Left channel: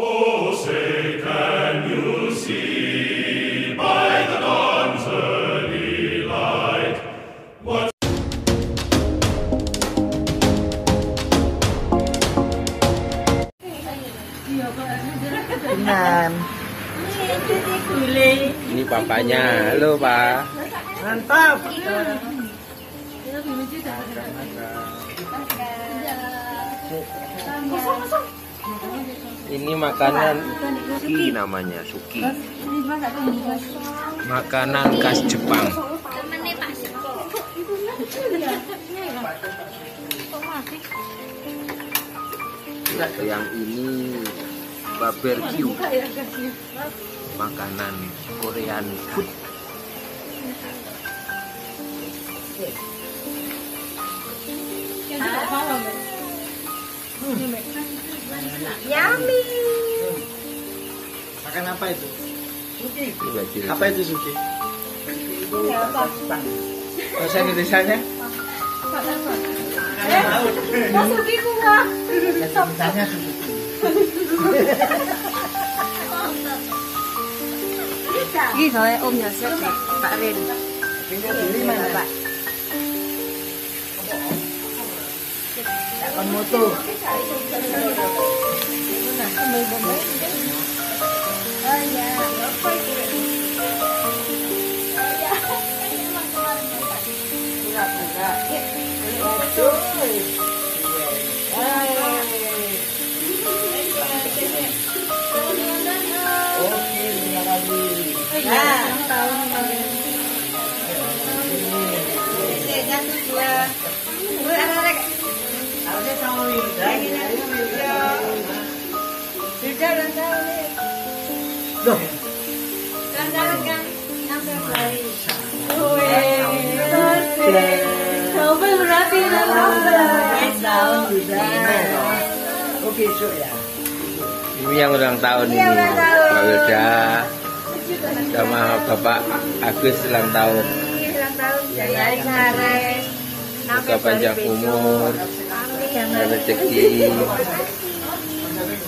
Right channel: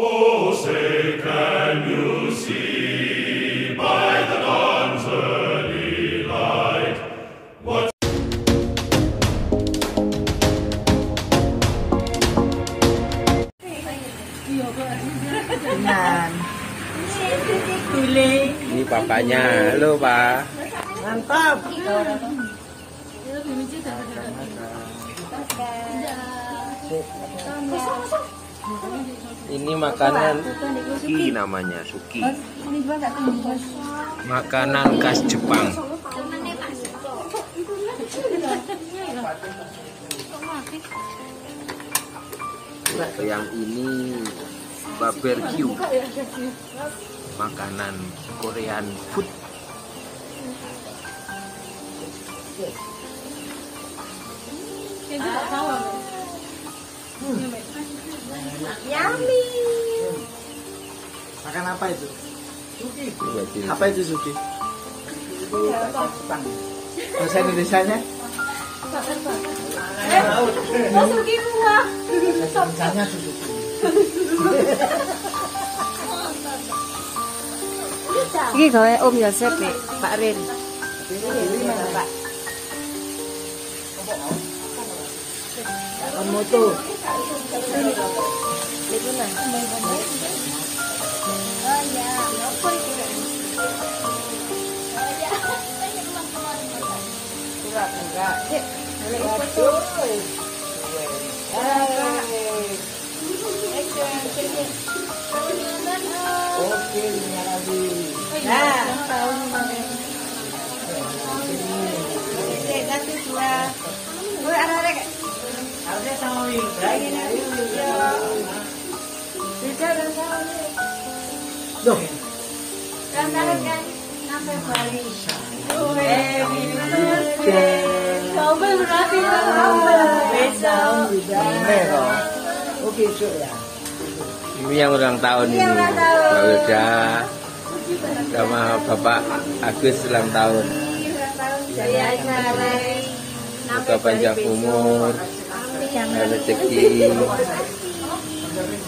Oh, say, can you see by the dawn's early light what Ini papanya, halo Pak. Mantap. Ini makanan suki namanya, suki. Makanan khas Jepang. Yang ini barbecue. Makanan Korean food. Yummy. Makan apa itu? Suki. Apa itu suki? Itu Jepang. Bahasa Indonesianya? Suki bunga. Bahasa Indonesianya suki. Ini gawe Om Yosef, Pak Rin. Dapat moto. Oh ya, Oke, terima kasih. Harusnya sama Wirda, ini Wirda. Wirda dan Sally. Loh, Oke, so ya. Ini yang ulang tahun ini, Mbak Wilda sama Bapak Agus ulang tahun. Semoga panjang umur, rezeki,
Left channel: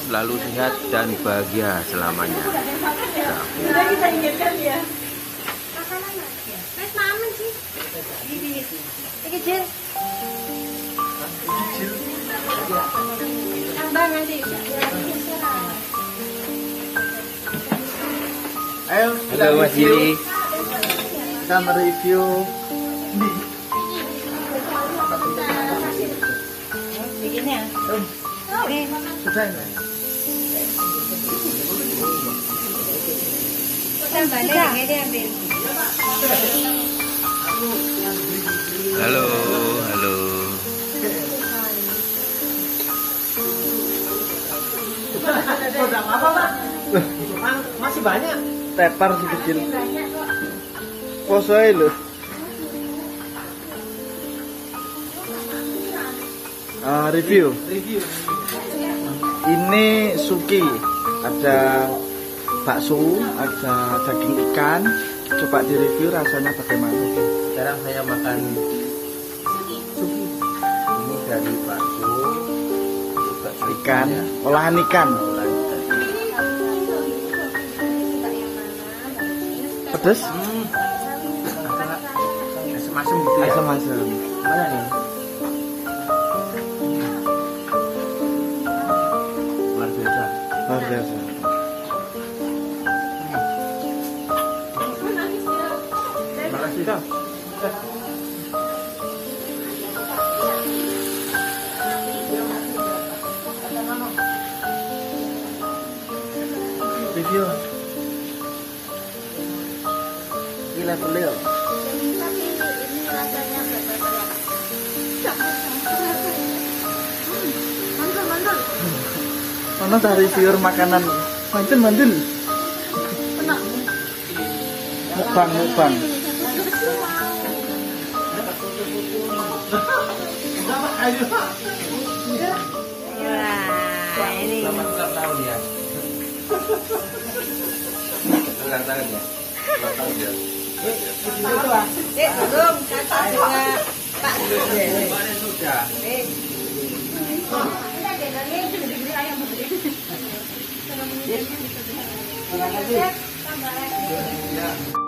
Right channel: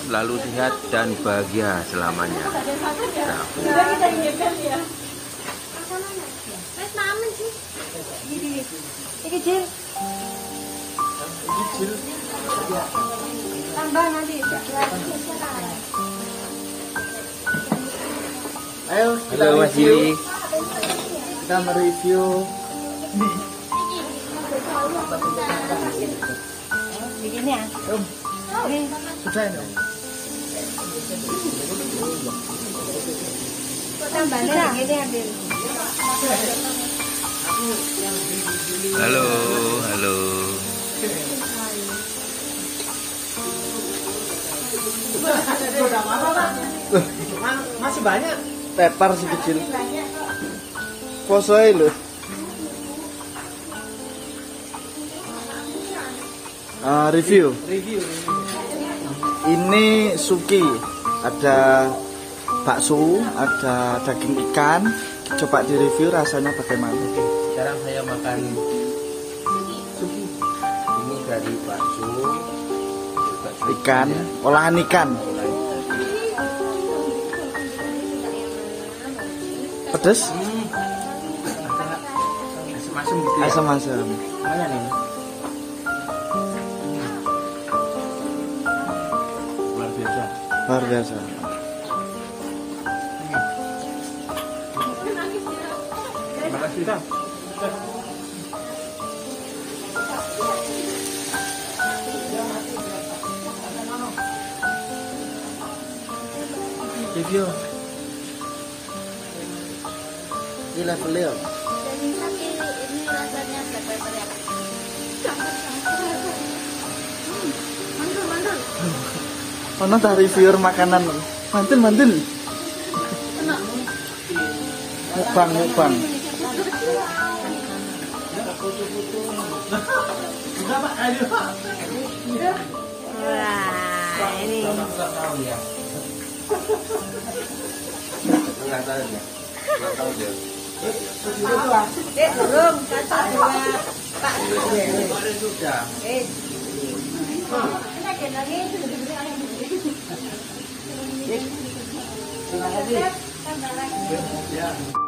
selalu sehat dan bahagia selamanya. Udah kita ingatkan ya. Mas mama sih. Kecil. Tambah nanti. Ayo, Halo Mas Jili. kita mereview. Begini ya. Sudah ya. Halo, halo. Masih banyak. Pepper si kecil. Posoe loh. Review. Ini suki. Ada bakso, ada daging ikan. Coba direview rasanya bagaimana. Sekarang saya makan suki. Ini dari bakso, Ikan, olahan ikan. olahan ikan. Pedes? Agak asam-asam gitu ya. Asam-asam. Lumayan nih. Luar biasa. Luar biasa. Terima kasih. Review. Ini levelnya. Tapi ini rasanya black pepper ya, Kak. Mantul. Mana dah reviewer makanan? Mantul. Enak. Mukbang. Wah, ini. Selamat ulang tahun ya. Ulang tahun ya. Ulang tahun ya. Belum kata juga. Terima kasih. Tambah lagi. Ya.